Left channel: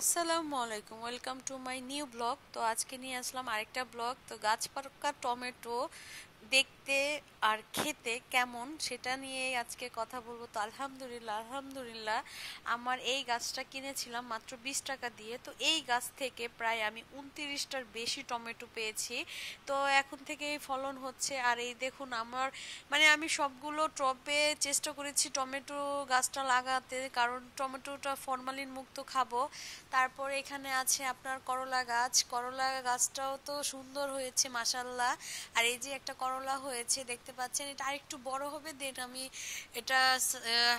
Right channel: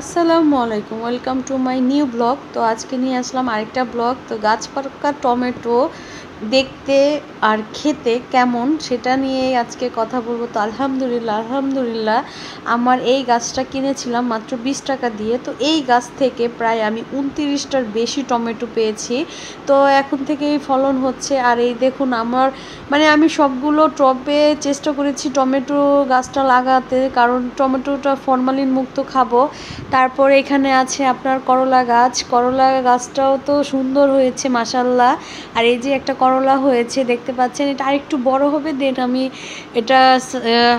আসসালামু আলাইকুম, welcome to my new blog. তো আজকে নিয়ে আসলাম আরেকটা ব্লগ। তো গাছ পাকা টমেটো দেখতে আর খেতে কেমন সেটা নিয়েই আজকে কথা বলবো। তো আলহামদুলিল্লাহ আমার এই গাছটা কিনেছিলাম মাত্র 20 টাকা দিয়ে। তো এই গাছ থেকে প্রায় আমি 29টার বেশি টমেটো পেয়েছি। তো এখন থেকেই ফলন হচ্ছে। আর এই দেখুন আমার আমি সবগুলো টবে চেষ্টা করেছি টমেটো গাছটা লাগাতে, কারণ টমেটোটা ফরমালিন মুক্ত খাবো। তারপর এখানে আছে আপনার করলা গাছটাও তো সুন্দর হয়েছে মাশাল্লাহ। আর এই যে একটা করলা হয়েছে দেখতে পাচ্ছেন, এটা আরেকটু বড় হবে, দেন আমি এটা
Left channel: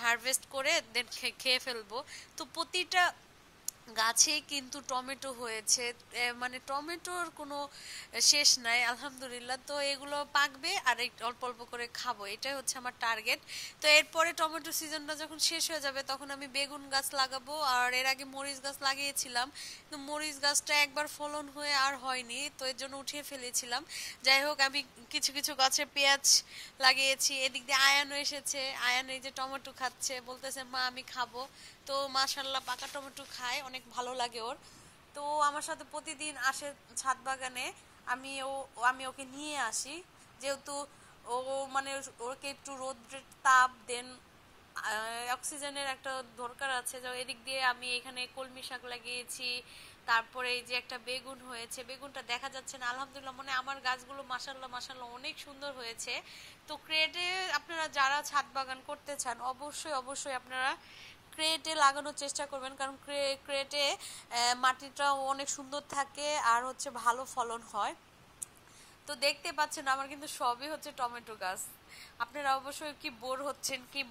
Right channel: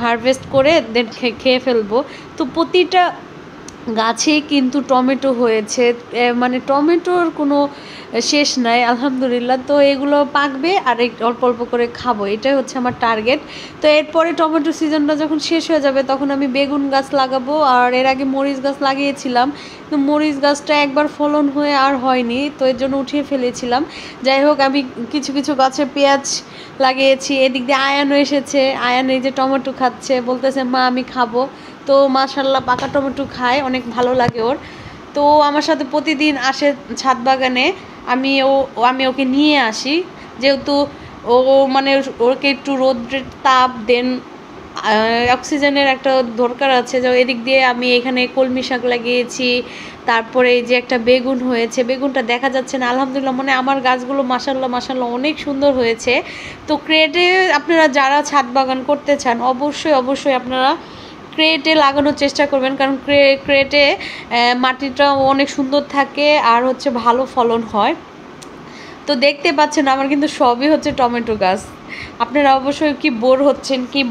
হারভেস্ট করে দেন খেয়ে ফেলবো। তো প্রতিটা গাছে কিন্তু টমেটো হয়েছে, টমেটোর কোনো শেষ নাই আলহামদুলিল্লাহ। তো এগুলো পাকবে আর অল্প অল্প করে খাবো, এটাই হচ্ছে আমার টার্গেট। তো এরপরে টমেটো সিজনটা যখন শেষ হয়ে যাবে তখন আমি বেগুন গাছ লাগাবো। আর এর আগে মরিচ গাছ লাগিয়েছিলাম, তো মরিচ গাছটা একবার ফলন হয়ে আর হয়নি, তো এর জন্য উঠিয়ে ফেলেছিলাম। যাই হোক, আমি কিছু কিছু গাছে পেঁয়াজ লাগিয়েছি। এদিক দিয়ে আয়ানও এসেছে, আয়ান এই যে টমেটো খাচ্ছে, বলতেছে মা আমি খাবো। তো মাশাল্লাহ পাকা টমেটো খায়, অনেক ভালো লাগে ওর। তো আমার সাথে প্রতিদিন আসে ছাদ বাগানে, আমি ওকে নিয়ে আসি, যেহেতু ও ওকে একটু রোদ্রের তাপ দেন অক্সিজেনের একটা দরকার আছে। যে এদিক দিয়ে আমি এখানে কলমি শাক লাগিয়েছি, তারপরে এই যে একটা বেগুন হয়েছে, বেগুনটা দেখা যাচ্ছে না আলহামদুলিল্লাহ। আমার গাছগুলো মাশাল্লাহ অনেক সুন্দর হয়েছে। তো ক্রেটে আপনারা যারা ছাদ বাগান করতে চান অবশ্যই আপনারা ক্রেটে লাগানোর চেষ্টা করবেন, কারণ ক্রেটে মাটিটা অনেক সুন্দর থাকে আর হচ্ছে ভালো ফলন হয়। তো দেখতে পাচ্ছেন আমার কিন্তু সবই হচ্ছে টমেটো গাছ। আপনারা অবশ্যই কি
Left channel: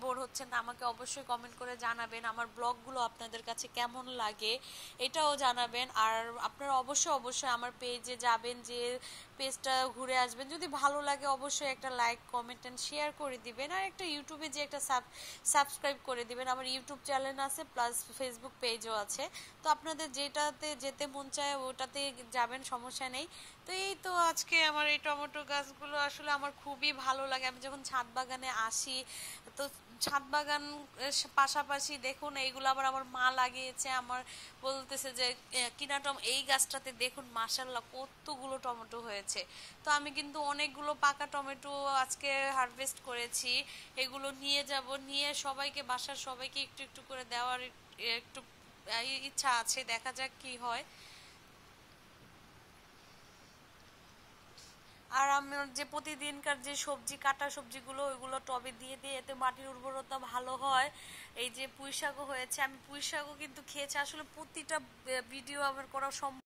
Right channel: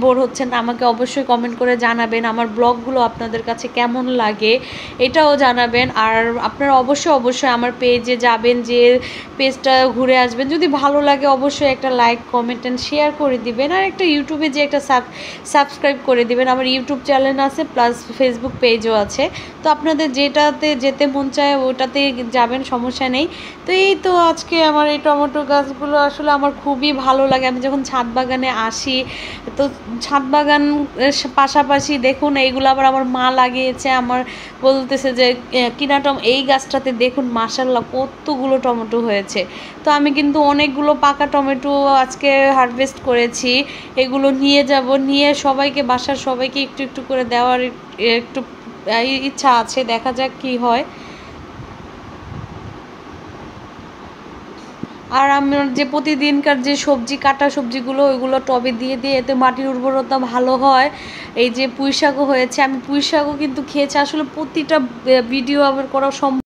বোর হচ্ছেন আমাকে অবশ্যই কমেন্ট করে জানাবেন। আমার ব্লগগুলো আপনাদের কাছে কেমন লাগে এটাও জানাবেন। আর আপনারা অবশ্যই আমার পেজে যাবেন, যে পেজটা ঘুরে আসবেন, যদি ভালো লাগে অবশ্যই একটা লাইক কমেন্ট অ্যান্ড শেয়ার করে দিবেন। আর একটা ইউটিউবে যে একটা সাবস্ক্রাইব করে দিবেন। আমার ইউটিউব চ্যানেল আছে প্লাস ফেসবুক পেজও আছে। তো আপনাদের যেটাতে যেতে মন চায় ওটাতে যাবেন, সমস্যা নেই। তো এই তো আজকে আমার এই টমেটো গাছগুলো আসলে আমার খুবই ভালো লাগে। আমি যখন ছাদ বাগানে আসি, তো ছাদ বাগান পাশাপাশি দেখুন এইগুলো আবার আমার মা লাগিয়েছে। আমার বলতেছে যে কিনা এই গাছটাতে দেখুন মাশাল্লাহ কতগুলো টমেটো হয়েছে। তো আমি কিন্তু অনেকগুলো পাকা টমেটো আজকে হারভেস্ট করেছি। এগুলো নিয়ে সবাইকে, বাসার সবাইকে একটু একটু করে দেওয়ার একটু ইচ্ছা আছে, দেখা যাক কি হয়। আর আমার যে প্রতিদিনকার যে কাটা সবজিগুলো ওইগুলো টবে দিয়ে এতে মাটির উর্বরতা ভালো হয়। এই যে পুঁই শাকও হয়েছে, আমি পুঁই শাকও কিন্তু খেয়েছি। আসলে প্রতিটা ভিডিও আমার করা সম্ভব